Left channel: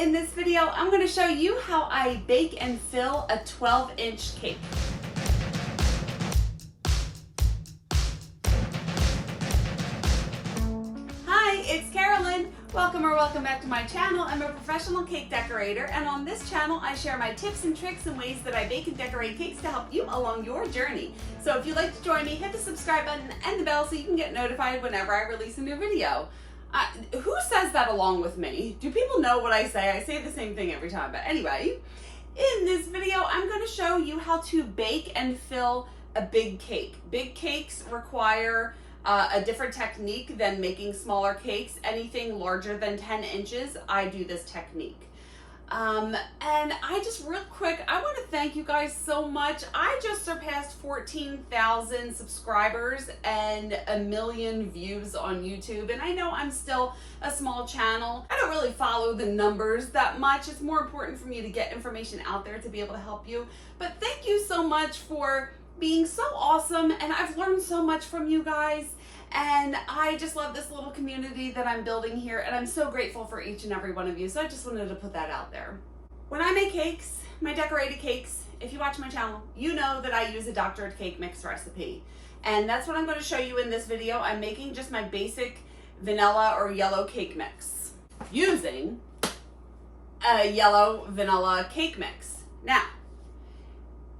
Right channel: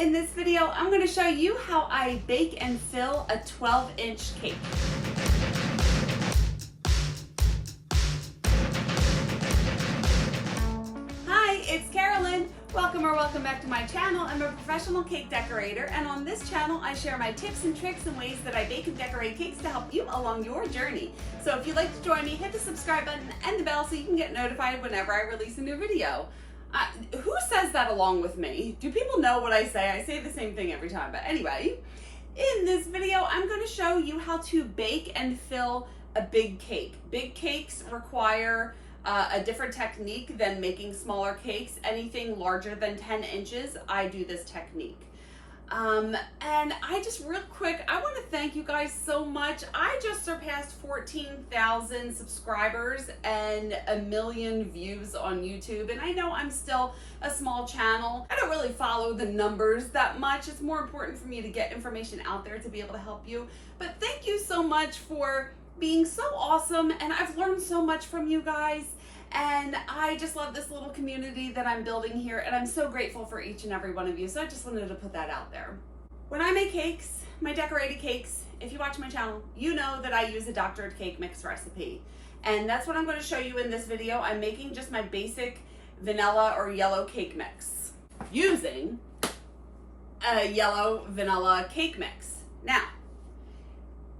In this video, I'm going to show you how I bake and fill a 12-inch cake. Hi, it's Karolyn. Welcome back to my channel. I'm a professional cake decorator, and on this channel I share my tips and tricks and ways that I bake and decorate cakes to help you along your journey. So if you'd like to join me, hit the subscribe button and the bell so you can get notified whenever I release a new video. Who says that along with me? Do people know what I say? I say the same thing every time, but anyway, in this video I'm going to show you how to bake and fill a big cake. Big cakes require a different technique than making smaller cakes. Anything larger than 10 inches, I do this technique. And I just real quick, I want to thank you guys so much. I just surpassed 14,000 subscribers and 1 million views on YouTube. And I know I'm still a small channel. I don't really follow the numbers that much. It's more important for me to get information out there to be able to help you. But thank you so much for being so awesome, and I've learned so much from you guys, and I just love this little community that I'm building here, and I'm so grateful for each and every one of you. So I just wanted to put that out there. When I make cakes, my decorated cakes, if you watch my channel, you know that I use a doctored cake mix recipe, and that's what I'm going to show you in this video. I'm making just my basic vanilla or yellow cake mix using a yellow vanilla cake mix. Now,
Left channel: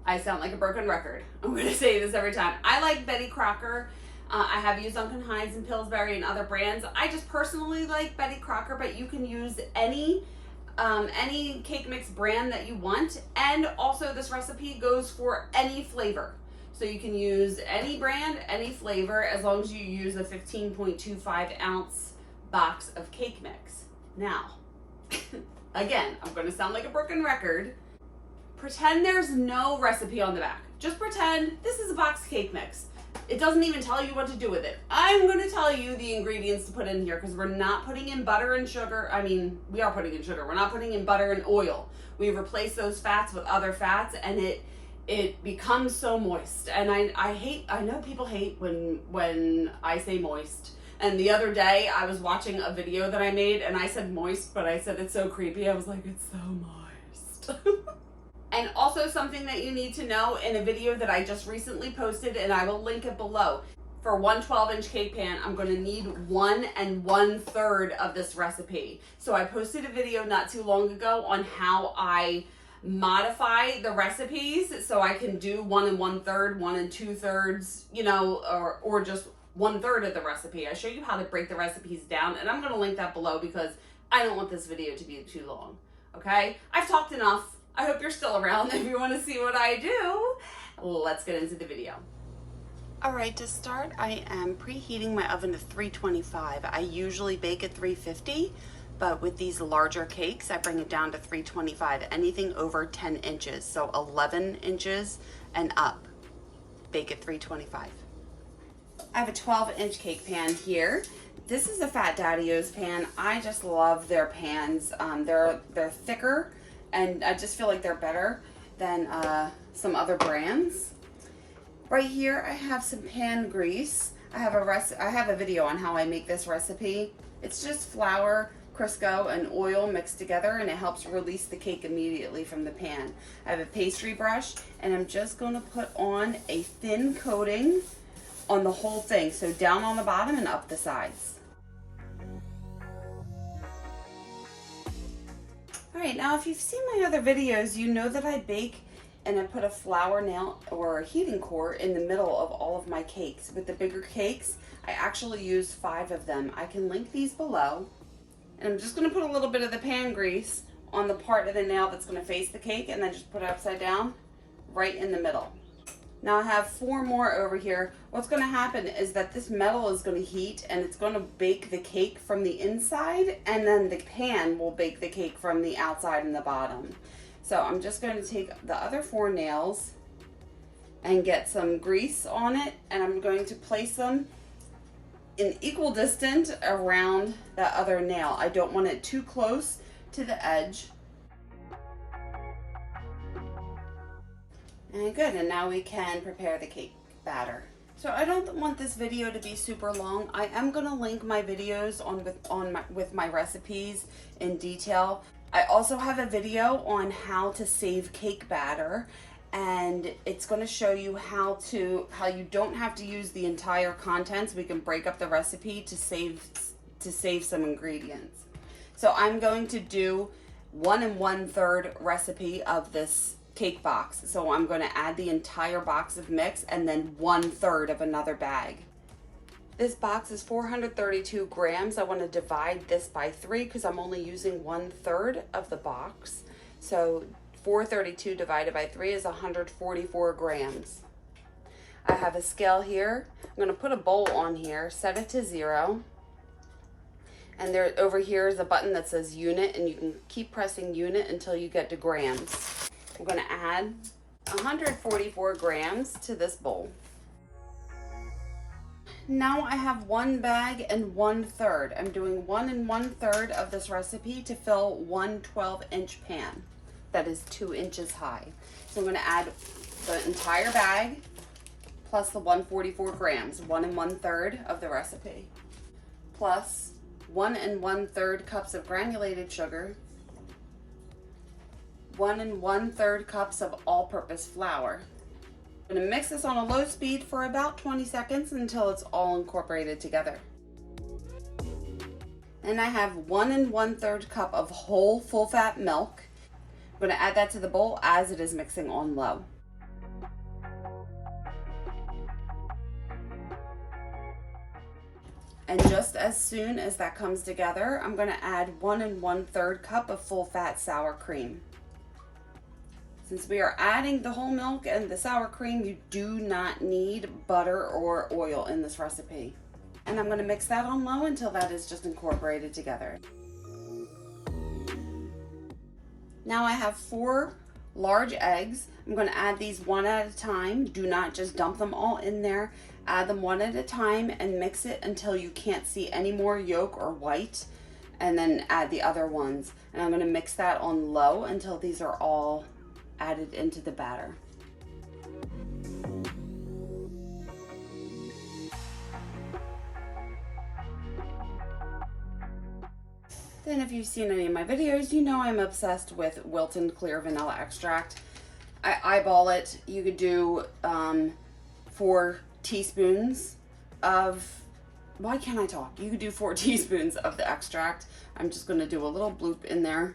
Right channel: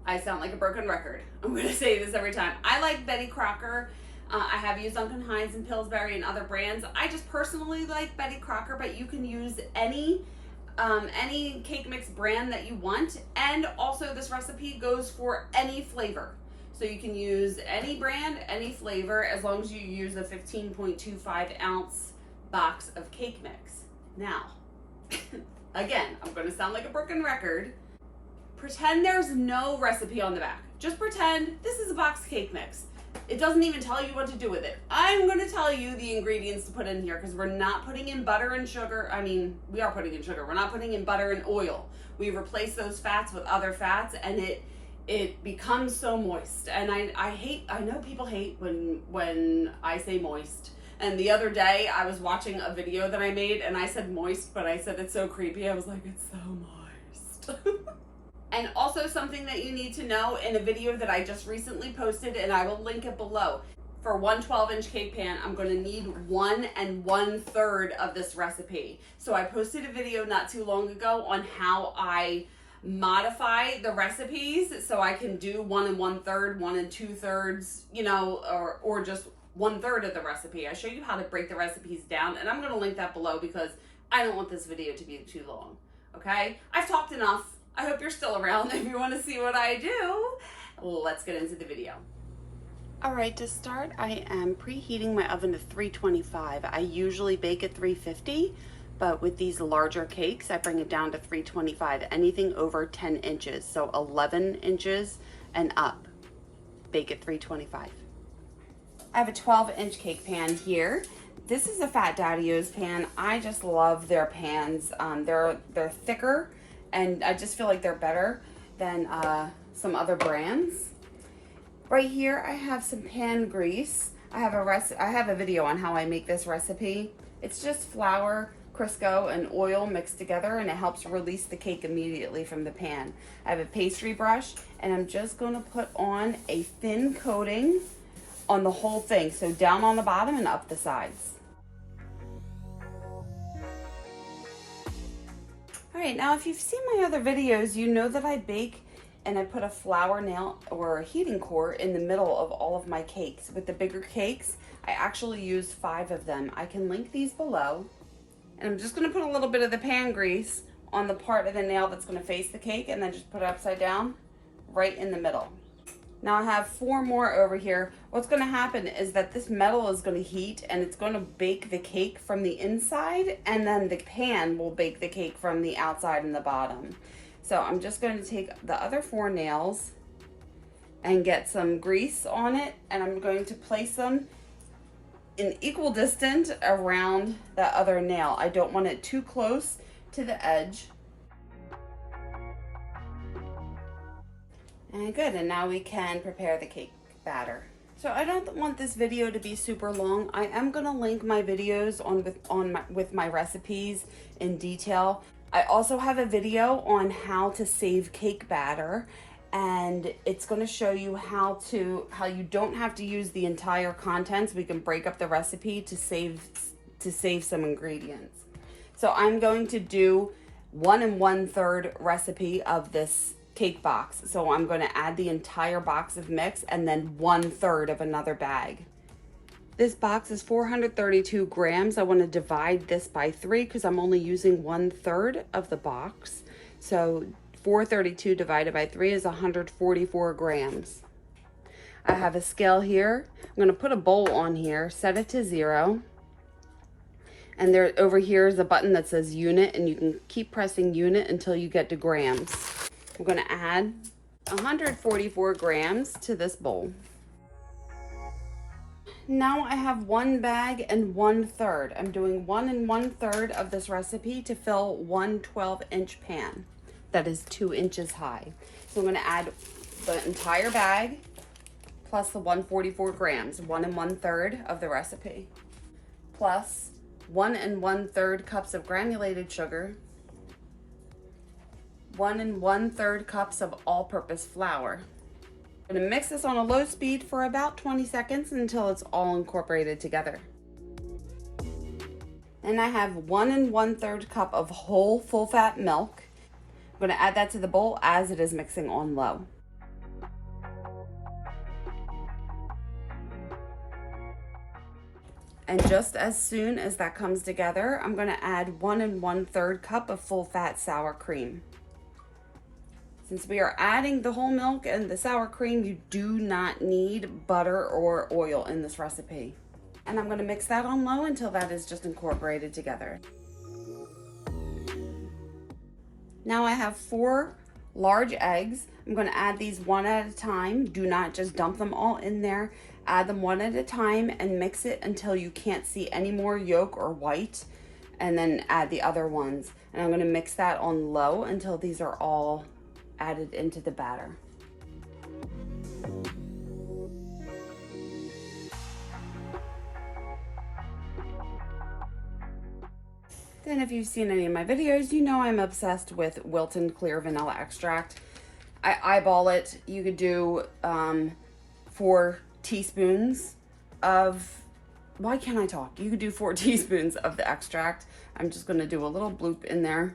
I sound like a broken record. I'm going to say this every time. I like Betty Crocker. I have used Duncan Hines and Pillsbury and other brands. I just personally like Betty Crocker, but you can use any cake mix brand that you want. And also this recipe goes for any flavor. So you can use any brand, any flavor, as long as you use a 15.25 ounce box of cake mix. Now, again, I'm going to sound like a broken record. Pretend there's no recipe on the back. Just pretend this is a box cake mix. It doesn't even tell you what to do with it. I'm going to tell you the ingredients to put in here because we're not putting in butter and sugar. I mean, we are putting in sugar. We're not putting in butter and oil. We replace those fats with other fats, and it becomes so moist. And I know people hate when I say moist. And the other day I was watching a video that I made and I said moist, but I said it's so creepy. I was like, it's so moist. And also something that you need to know in a video that I just recently posted, and I will link it below. For one 12-inch cake pan, I'm going to need 1 1/3 of this recipe. So I posted a video not too long ago on how I modify the recipes so I can do 1 1/3, 1 2/3, you know, or just 1/3 of the recipe. I show you how to break the recipes down, and I'm going to link that below because I don't want this video to be too long. Okay? I've talked enough. I hope you're still around if you want to see what I do. Let's get into the video. All right, to start, I am preheating my oven to 325. I usually bake at 350, but with these larger cakes, I bring it down to 325. Anything over 10 inches, so 11 inches and up, bake at 325. I have a 12-inch cake pan here. This is a Fat Daddy-O's pan. I just love their pans. They're thicker, and I just feel like they're better than some other brands. Right here, I have some pan grease. I have a video on how I make this recipe. It's just flour, Crisco, and oil mixed together, and it helps release the cake immediately from the pan. I have a pastry brush, and I'm just going to put on a thin coating on the whole thing, so down on the bottom and up the sides. All right, now if you've seen my other videos, you know that I bake and I put a flour nail or a heating core in the middle of all of my cakes. With the bigger cakes, I actually use 5 of them. I can link these below. And I'm just gonna put a little bit of the pan grease on the part of the nail that's gonna face the cake, and then just put it upside down right in the middle. Now I have 4 more over here. What's going to happen is that this metal is going to heat, and it's going to bake the cake from the inside, and then the pan will bake the cake from the outside and the bottom. So I'm just going to take the other 4 nails and get some grease on it, and I'm going to place them in equal distance around the other nail. I don't want it too close to the edge. And good, and now we can prepare the cake batter. So I don't want this video to be super long. I am gonna link my videos with my recipes in detail. I also have a video on how to save cake batter, and it's going to show you how you don't have to use the entire contents. We can break up the recipe to save some ingredients. So I'm going to do 1 1/3 recipe of this cake box. So I'm going to add the entire box of mix and then 1/3 of another bag. This box is 432 grams. I want to divide this by 3 because I'm only using 1/3 of the box. So 432 divided by 3 is 144 grams. I have a scale here. I'm going to put a bowl on here, set it to 0. And there over here is a button that says unit, and you can keep pressing unit until you get to grams. I'm going to add 144 grams to this bowl. Now I have 1 bag and 1/3. I'm doing 1 1/3 of this recipe to fill 1 12-inch pan that is 2 inches high. So I'm going to add the entire bag plus the 144 grams, 1 1/3 of the recipe, plus 1 1/3 cups of granulated sugar, 1 1/3 cups of all-purpose flour. I'm going to mix this on a low speed for about 20 seconds until it's all incorporated together. Then I have 1 1/3 cup of whole full-fat milk. I'm going to add that to the bowl as it is mixing on low. And just as soon as that comes together, I'm going to add 1 1/3 cup of full-fat sour cream. Since we are adding the whole milk and the sour cream, you do not need butter or oil in this recipe. And I'm going to mix that on low until that is just incorporated together. Now I have 4 large eggs. I'm going to add these one at a time. Do not just dump them all in there. Add them one at a time and mix it until you can't see any more yolk or white, and then add the other ones. And I'm going to mix that on low until these are all added into the batter. Then if you've seen any of my videos, you know I'm obsessed with Wilton clear vanilla extract. I eyeball it. You could do 4 teaspoons of, why can't I talk? You could do 4 teaspoons of the extract. I'm just going to do a little bloop in there.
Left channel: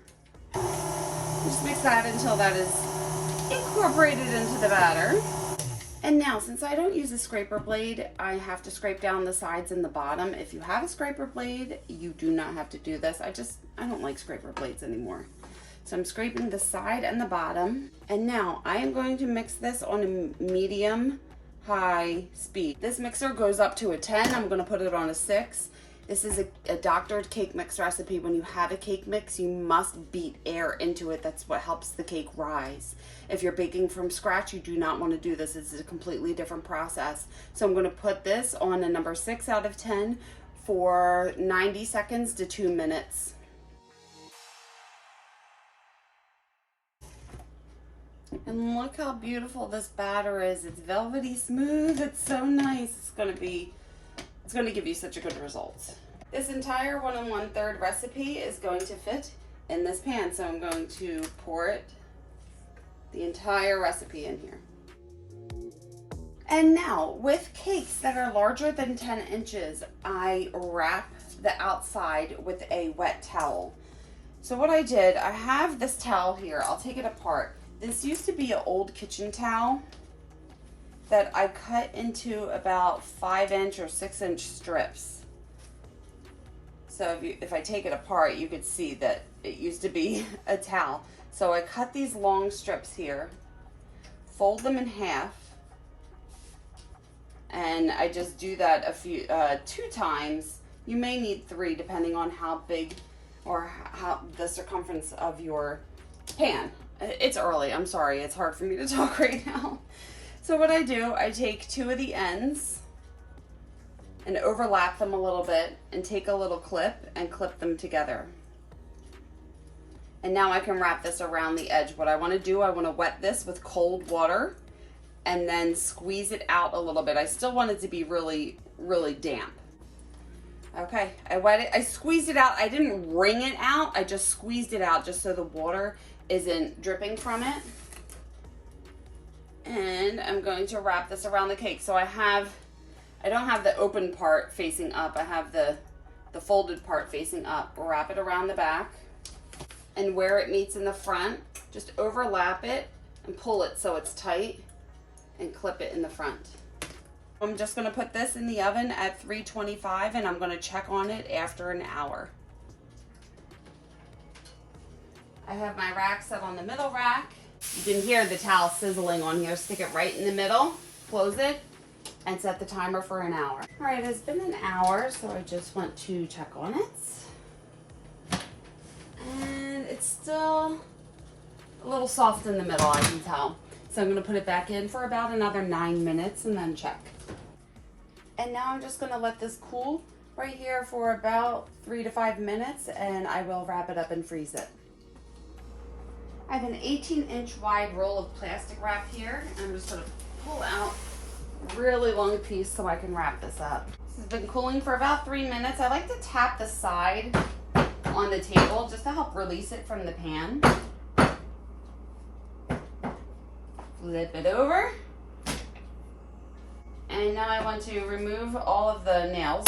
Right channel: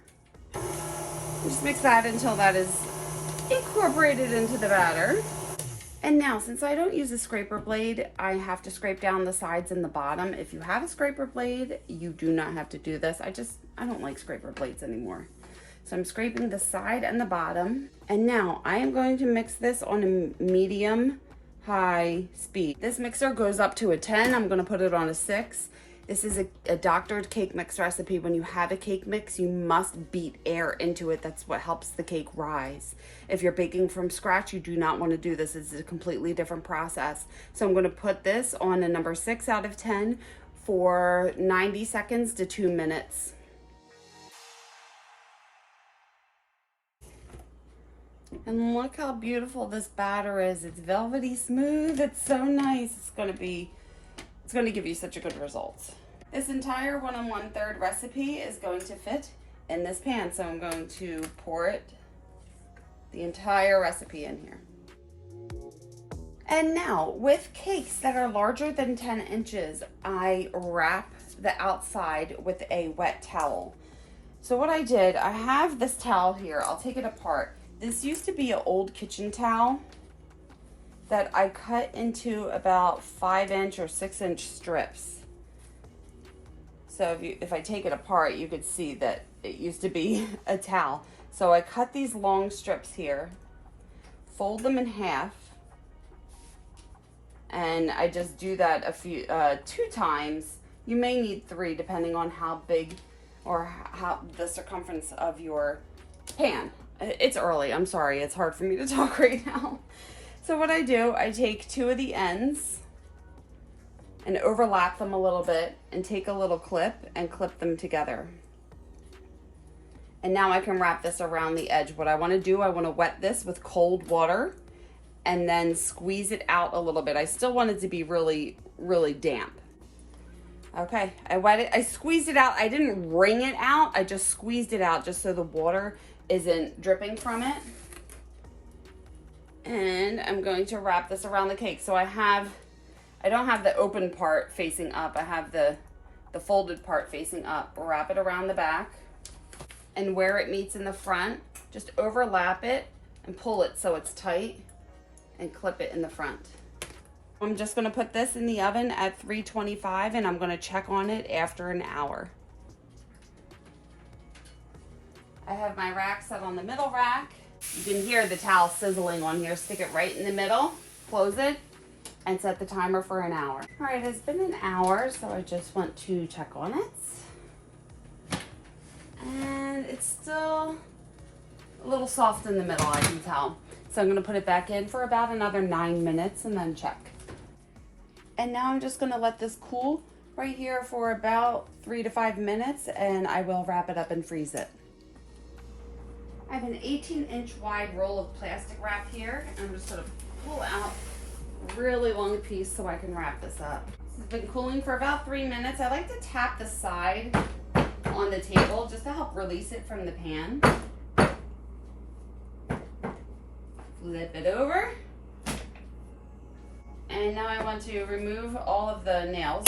Just mix that until that is incorporated into the batter. And now, since I don't use a scraper blade, I have to scrape down the sides and the bottom. If you have a scraper blade, you do not have to do this. I don't like scraper blades anymore. So I'm scraping the side and the bottom. And now I am going to mix this on a medium high speed. This mixer goes up to a 10. I'm going to put it on a 6. This is a doctored cake mix recipe. When you have a cake mix, you must beat air into it. That's what helps the cake rise. If you're baking from scratch, you do not want to do this. It's a completely different process. So I'm going to put this on a number 6 out of 10 for 90 seconds to 2 minutes. And look how beautiful this batter is. It's velvety smooth. It's so nice. It's going to give you such a good result. This entire 1 1/3 recipe is going to fit in this pan. So I'm going to pour it, the entire recipe in here. And now with cakes that are larger than 10 inches, I wrap the outside with a wet towel. So what I did, I have this towel here. I'll take it apart. This used to be an old kitchen towel that I cut into about 5-inch or 6-inch strips. So if I take it apart, you could see that it used to be a towel. So I cut these long strips here, fold them in half, and I just do that 2 times. You may need 3 depending on how big or how the circumference of your pan. It's early, I'm sorry, it's hard for me to talk right now. So what I do, I take 2 of the ends and overlap them a little bit and take a little clip and clip them together. And now I can wrap this around the edge. What I want to do, I want to wet this with cold water and then squeeze it out a little bit. I still want it to be really, really damp. Okay, I wet it, I squeezed it out. I didn't wring it out, I just squeezed it out just so the water isn't dripping from it. And I'm going to wrap this around the cake. So I don't have the open part facing up, I have the folded part facing up. Wrap it around the back, and where it meets in the front, just overlap it and pull it so it's tight and clip it in the front. I'm just gonna put this in the oven at 325 and I'm gonna check on it after an hour. I have my rack set on the middle rack. You can hear the towel sizzling on here. Stick it right in the middle, close it, and set the timer for an hour. All right, it's been an hour, so I just want to check on it. And it's still a little soft in the middle, I can tell. So I'm gonna put it back in for about another 9 minutes and then check. And now I'm just gonna let this cool right here for about 3 to 5 minutes, and I will wrap it up and freeze it. I have an 18-inch wide roll of plastic wrap here. I'm just gonna pull out a really long piece so I can wrap this up. This has been cooling for about 3 minutes. I like to tap the side on the table just to help release it from the pan. Flip it over. And now I want to remove all of the nails.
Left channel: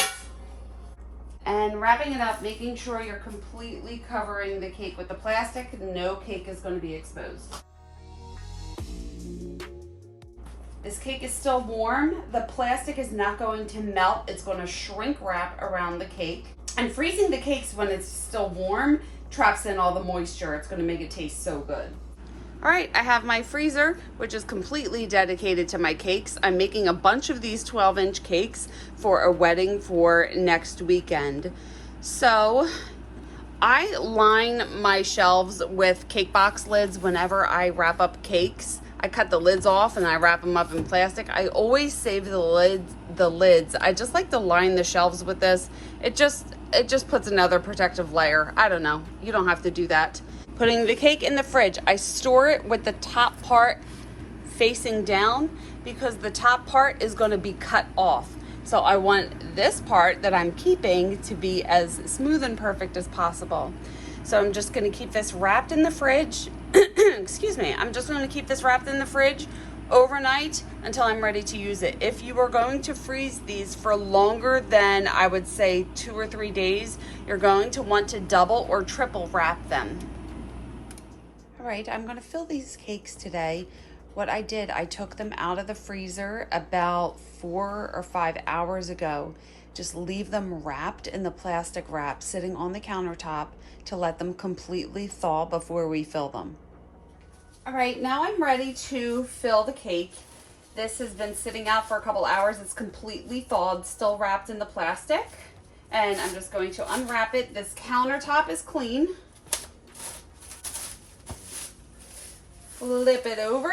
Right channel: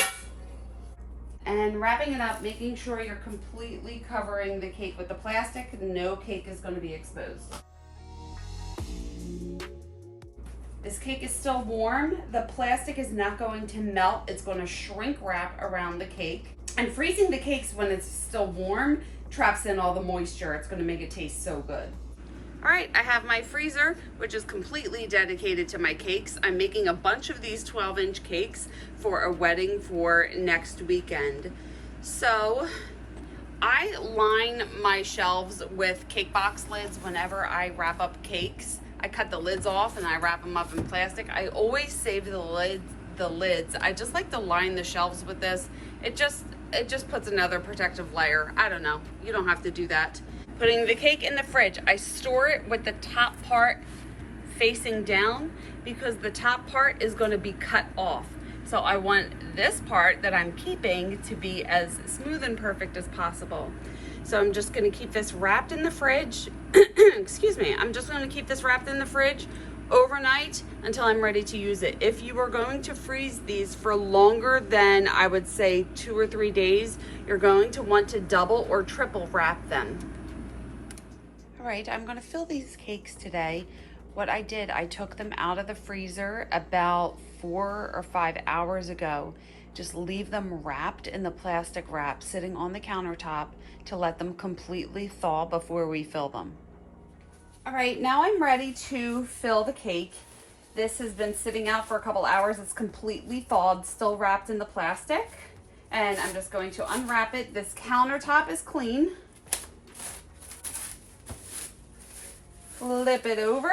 And wrapping it up, making sure you're completely covering the cake with the plastic. No cake is going to be exposed. This cake is still warm. The plastic is not going to melt. It's going to shrink wrap around the cake. And freezing the cakes when it's still warm traps in all the moisture. It's going to make it taste so good. All right, I have my freezer, which is completely dedicated to my cakes. I'm making a bunch of these 12-inch cakes for a wedding for next weekend. So I line my shelves with cake box lids whenever I wrap up cakes. I cut the lids off and I wrap them up in plastic. I always save the lids. I just like to line the shelves with this. It just puts another protective layer. I don't know, you don't have to do that. Putting the cake in the fridge, I store it with the top part facing down because the top part is going to be cut off. So I want this part that I'm keeping to be as smooth and perfect as possible. So I'm just going to keep this wrapped in the fridge. Excuse me. I'm just going to keep this wrapped in the fridge overnight until I'm ready to use it. If you are going to freeze these for longer than, I would say, 2 or 3 days, you're going to want to double or triple wrap them. All right, I'm gonna fill these cakes today. What I did, I took them out of the freezer about 4 or 5 hours ago. Just leave them wrapped in the plastic wrap sitting on the countertop to let them completely thaw before we fill them. All right, now I'm ready to fill the cake. This has been sitting out for a couple hours. It's completely thawed, still wrapped in the plastic. And I'm just going to unwrap it. This countertop is clean. Flip it over,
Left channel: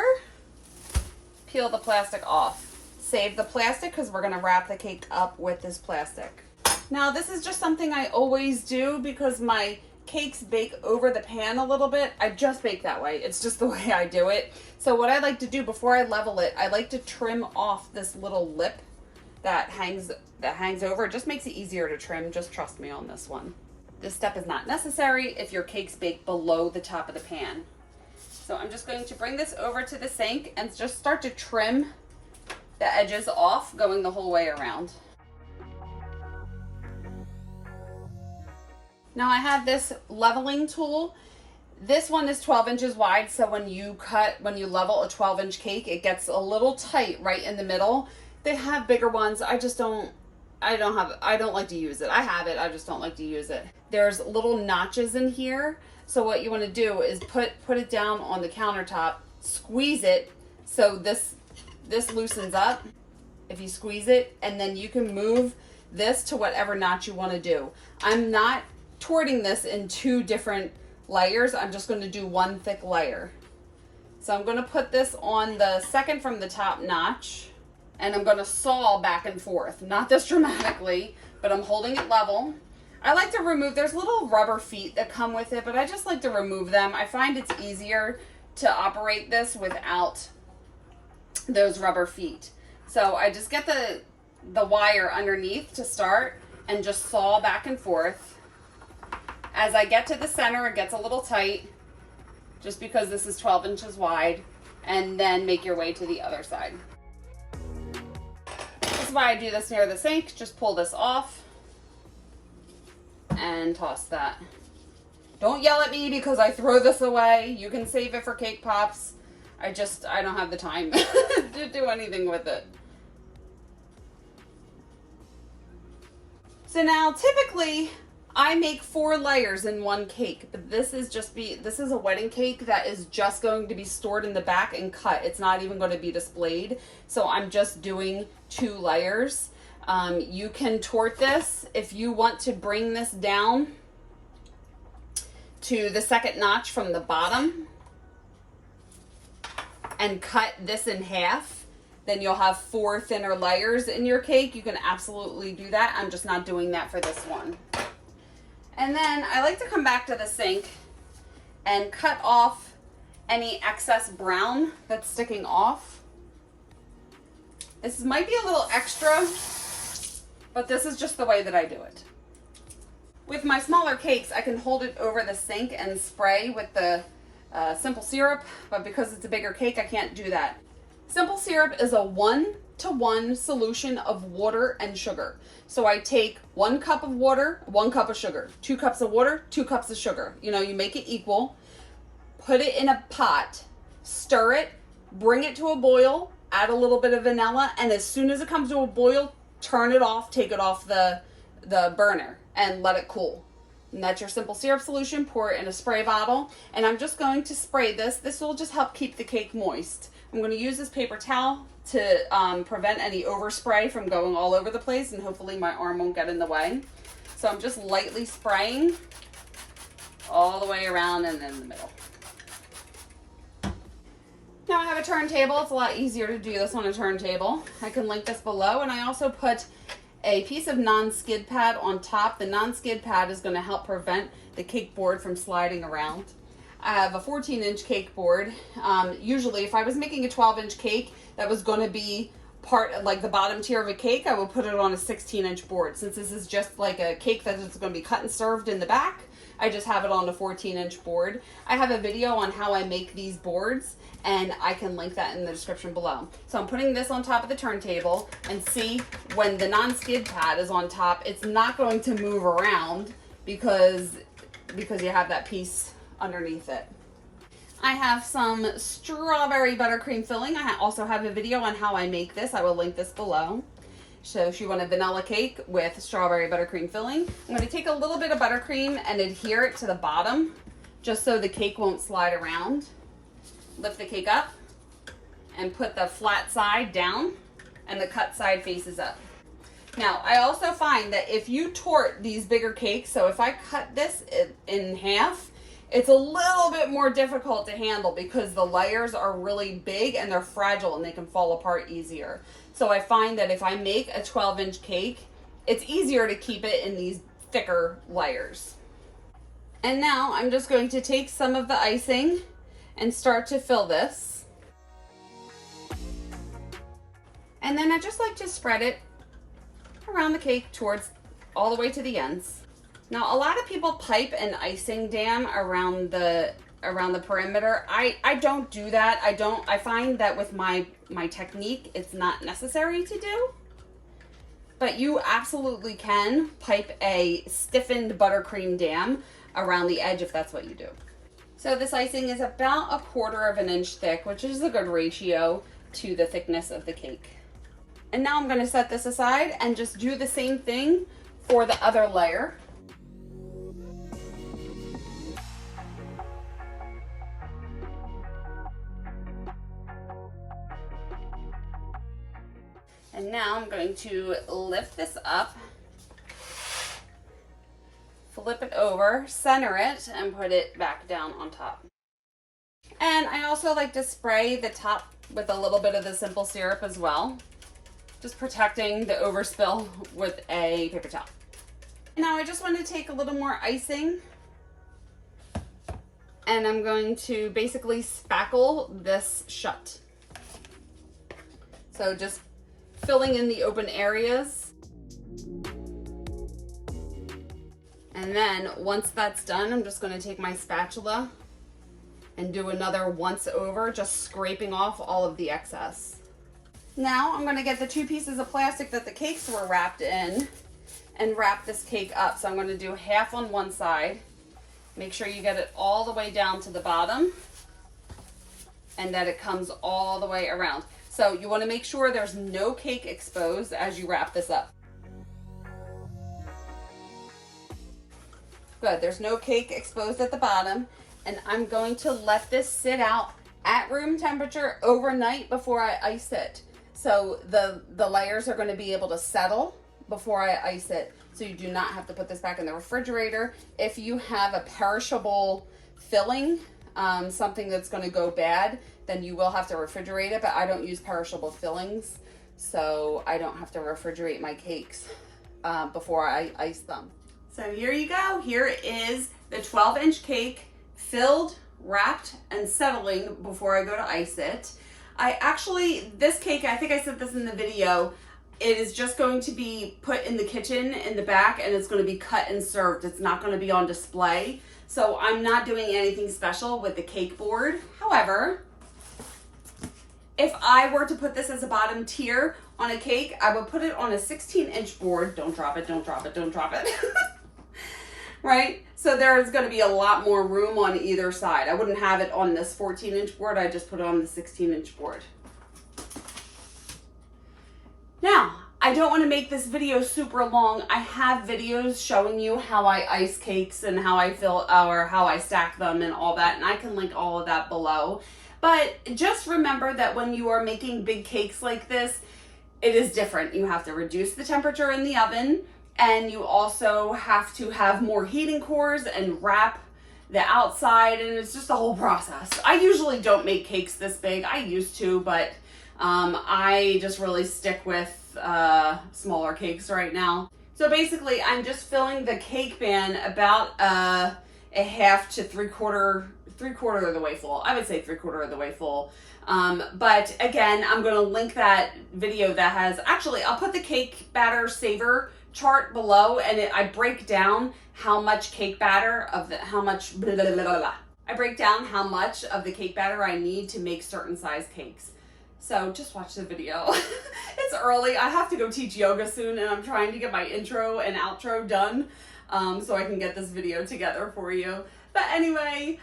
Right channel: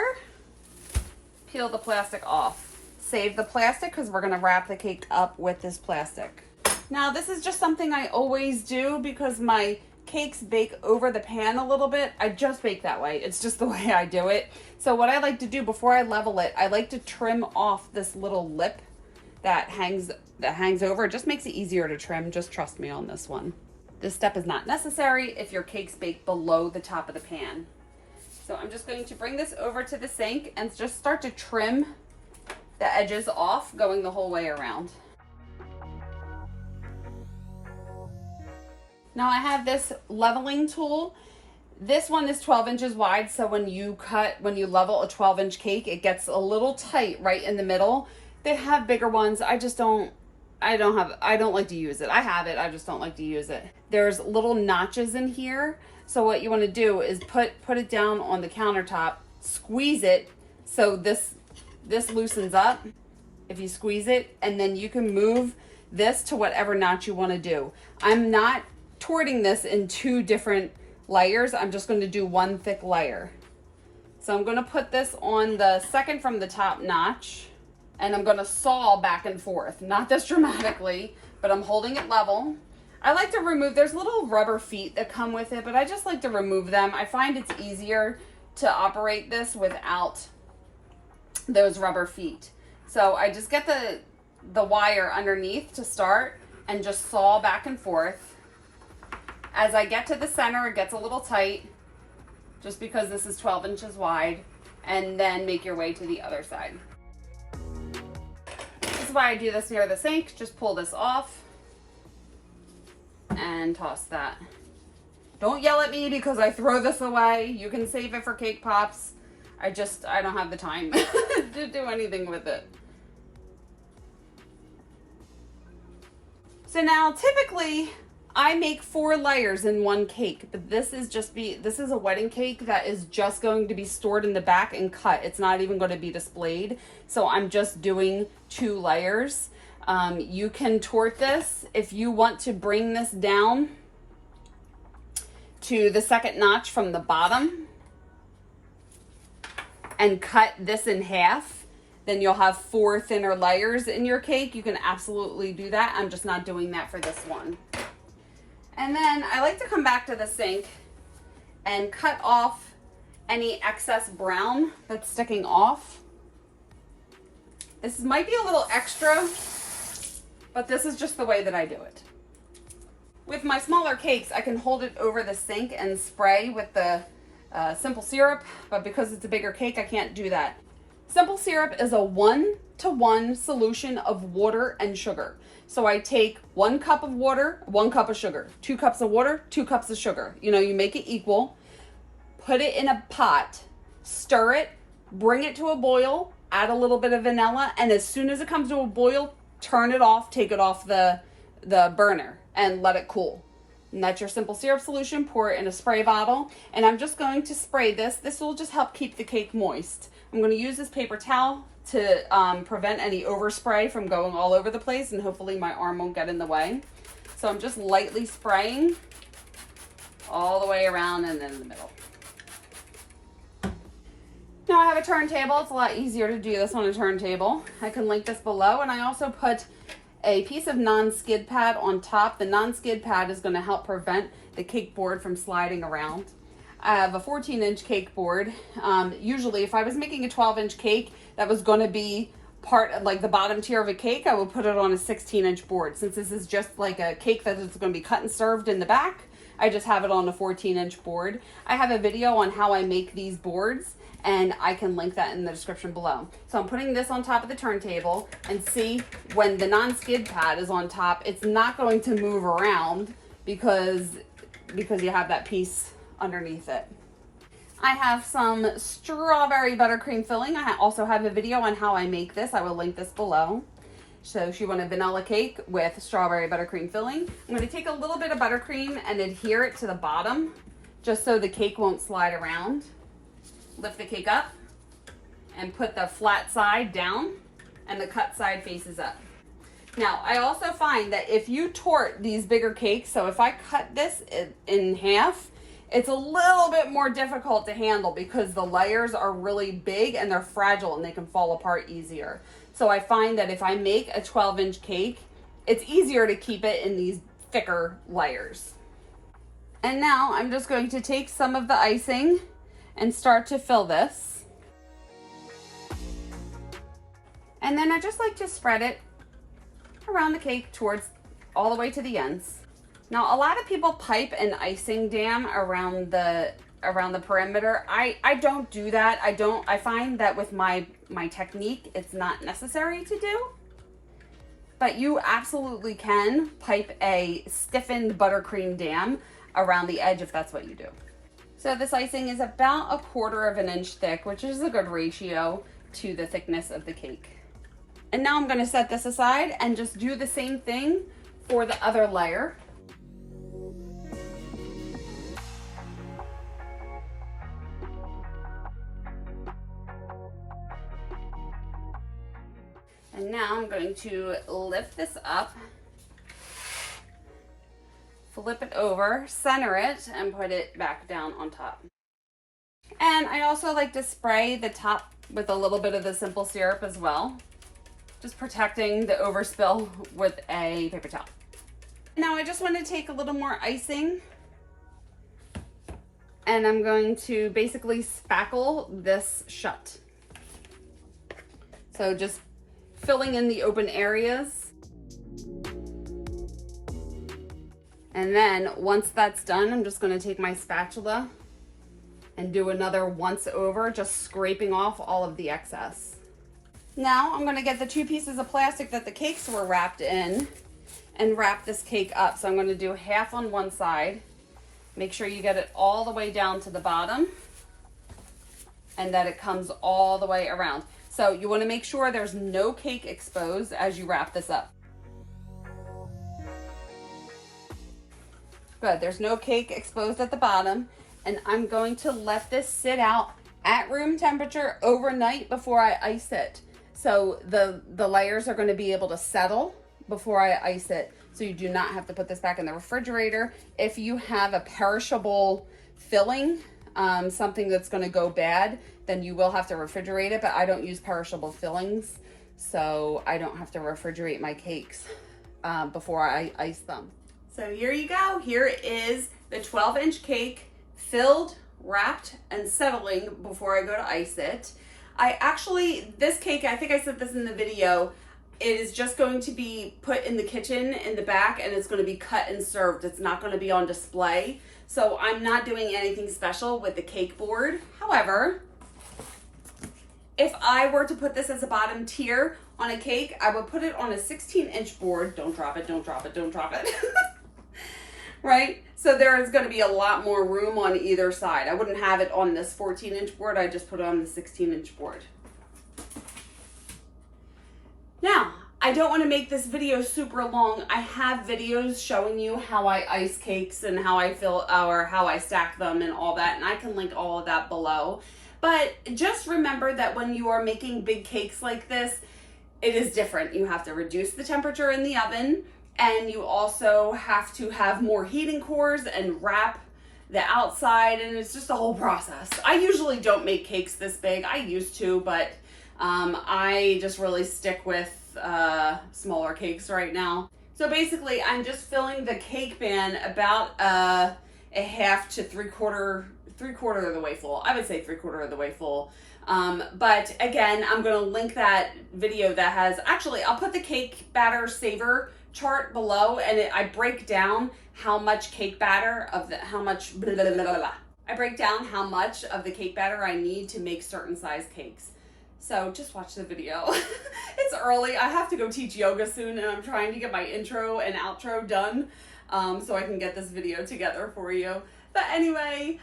peel the plastic off. Save the plastic because we're gonna wrap the cake up with this plastic. Now this is just something I always do because my cakes bake over the pan a little bit. I just bake that way. It's just the way I do it. So what I like to do before I level it, I like to trim off this little lip that hangs over. It just makes it easier to trim. Just trust me on this one. This step is not necessary if your cakes bake below the top of the pan. So I'm just going to bring this over to the sink and just start to trim the edges off, going the whole way around. Now I have this leveling tool. This one is 12 inches wide, so when you level a 12-inch cake, it gets a little tight right in the middle. They have bigger ones. I don't like to use it. I have it, I just don't like to use it. There's little notches in here. So what you want to do is put it down on the countertop, squeeze it so this loosens up if you squeeze it, and then you can move this to whatever notch you want to do. I'm not torting this in 2 different layers. I'm just going to do 1 thick layer. So I'm going to put this on the second from the top notch, and I'm going to saw back and forth. Not this dramatically, but I'm holding it level. I like to remove, there's little rubber feet that come with it, but I just like to remove them. I find it's easier to operate this without those rubber feet. So I just get the wire underneath to start, and just saw back and forth. As I get to the center, it gets a little tight, just because this is 12 inches wide, and then make your way to the other side. This is why I do this near the sink. Just pull this off and toss that. Don't yell at me because I throw this away. You can save it for cake pops. I don't have the time to do anything with it. So now typically I make 4 layers in one cake, but this is a wedding cake that is just going to be stored in the back and cut. It's not even going to be displayed. So I'm just doing 2 layers. You can tort this if you want to bring this down to the second notch from the bottom and cut this in half. Then you'll have 4 thinner layers in your cake. You can absolutely do that. I'm just not doing that for this one. And then I like to come back to the sink and cut off any excess brown that's sticking off. This might be a little extra, but this is just the way that I do it. With my smaller cakes, I can hold it over the sink and spray with the simple syrup, but because it's a bigger cake, I can't do that. Simple syrup is a 1-to-1 solution of water and sugar. So I take 1 cup of water, 1 cup of sugar, 2 cups of water, 2 cups of sugar. You know, you make it equal, put it in a pot, stir it, bring it to a boil, add a little bit of vanilla, and as soon as it comes to a boil, turn it off, take it off the burner and let it cool. And that's your simple syrup solution. Pour it in a spray bottle, and I'm just going to spray this. This will just help keep the cake moist. I'm going to use this paper towel to prevent any overspray from going all over the place, and hopefully my arm won't get in the way. So I'm just lightly spraying all the way around and in the middle. Now I have a turntable. It's a lot easier to do this on a turntable. I can link this below, and I also put a piece of non-skid pad on top. The non-skid pad is going to help prevent the cake board from sliding around. I have a 14-inch cake board. Usually if I was making a 12-inch cake that was going to be part of like the bottom tier of a cake, I would put it on a 16-inch board. Since this is just like a cake that is going to be cut and served in the back, I just have it on a 14-inch board. I have a video on how I make these boards, and I can link that in the description below. So I'm putting this on top of the turntable, and see, when the non-skid pad is on top, it's not going to move around because you have that piece underneath it. I have some strawberry buttercream filling. I also have a video on how I make this. I will link this below. So if you want a vanilla cake with strawberry buttercream filling, I'm going to take a little bit of buttercream and adhere it to the bottom just so the cake won't slide around. Lift the cake up and put the flat side down and the cut side faces up. Now, I also find that if you tort these bigger cakes, so if I cut this in half, it's a little bit more difficult to handle because the layers are really big and they're fragile and they can fall apart easier. So I find that if I make a 12-inch cake, it's easier to keep it in these thicker layers. And now I'm just going to take some of the icing and start to fill this. And then I just like to spread it around the cake towards all the way to the ends. Now, a lot of people pipe an icing dam around the perimeter. I don't do that. I find that with my technique, it's not necessary to do. But you absolutely can pipe a stiffened buttercream dam around the edge if that's what you do. So this icing is about 1/4 of an inch thick, which is a good ratio to the thickness of the cake. And now I'm going to set this aside and just do the same thing for the other layer. And now I'm going to lift this up, flip it over, center it, and put it back down on top. And I also like to spray the top with a little bit of the simple syrup as well, just protecting the overspill with a paper towel. Now I just want to take a little more icing, and I'm going to basically spackle this shut. So just filling in the open areas. And then once that's done, I'm just gonna take my spatula and do another once over, just scraping off all of the excess. Now I'm gonna get the 2 pieces of plastic that the cakes were wrapped in and wrap this cake up. So I'm gonna do half on one side. Make sure you get it all the way down to the bottom and that it comes all the way around. So you wanna make sure there's no cake exposed as you wrap this up. Good, there's no cake exposed at the bottom. And I'm going to let this sit out at room temperature overnight before I ice it. So the layers are gonna be able to settle before I ice it. So you do not have to put this back in the refrigerator. If you have a perishable filling, something that's gonna go bad, then you will have to refrigerate it, but I don't use perishable fillings, so I don't have to refrigerate my cakes before I ice them. So here you go. Here is the 12-inch cake, filled, wrapped, and settling before I go to ice it. This cake, I think I said this in the video, it is just going to be put in the kitchen in the back, and it's going to be cut and served. It's not going to be on display. So I'm not doing anything special with the cake board. However, if I were to put this as a bottom tier on a cake, I would put it on a 16-inch board. Don't drop it, don't drop it, don't drop it. Right? So there's going to be a lot more room on either side. I wouldn't have it on this 14-inch board. I just put it on the 16-inch board. Now, I don't want to make this video super long. I have videos showing you how I ice cakes and how I fill or how I stack them and all that, and I can link all of that below. But just remember that when you are making big cakes like this, it is different. You have to reduce the temperature in the oven, and you also have to have more heating cores and wrap the outside, and it's just a whole process. I usually don't make cakes this big. I used to, but I just really stick with smaller cakes right now. So basically, I'm just filling the cake pan about a half to three-quarter of the way full. I would say three-quarter of the way full. But again, I'm going to link that video that has, actually, I'll put the cake batter saver chart below, and I break down how much cake batter I break down how much of the cake batter I need to make certain size cakes. So just watch the video. It's early. I have to go teach yoga soon, and I'm trying to get my intro and outro done so I can get this video together for you. But anyway,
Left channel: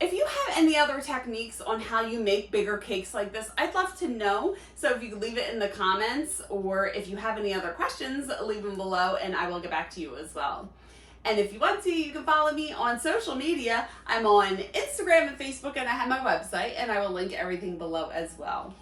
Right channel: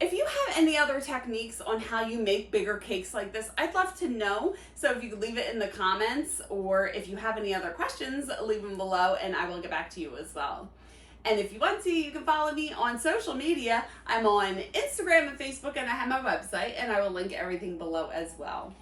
if you have any other techniques on how you make bigger cakes like this, I'd love to know. So if you could leave it in the comments, or if you have any other questions, leave them below and I will get back to you as well. And if you want to, you can follow me on social media. I'm on Instagram and Facebook, and I have my website, and I will link everything below as well.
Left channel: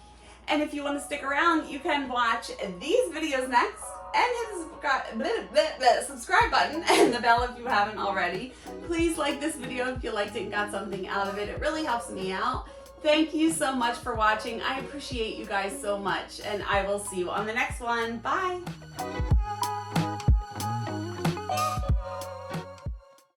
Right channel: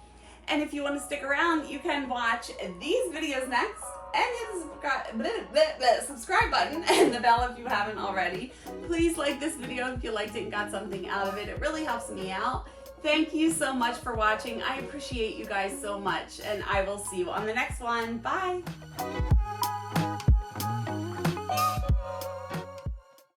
And if you want to stick around, you can watch these videos next and hit the subscribe button and the bell if you haven't already. Please like this video if you liked it and got something out of it. It really helps me out. Thank you so much for watching. I appreciate you guys so much, and I will see you on the next one. Bye.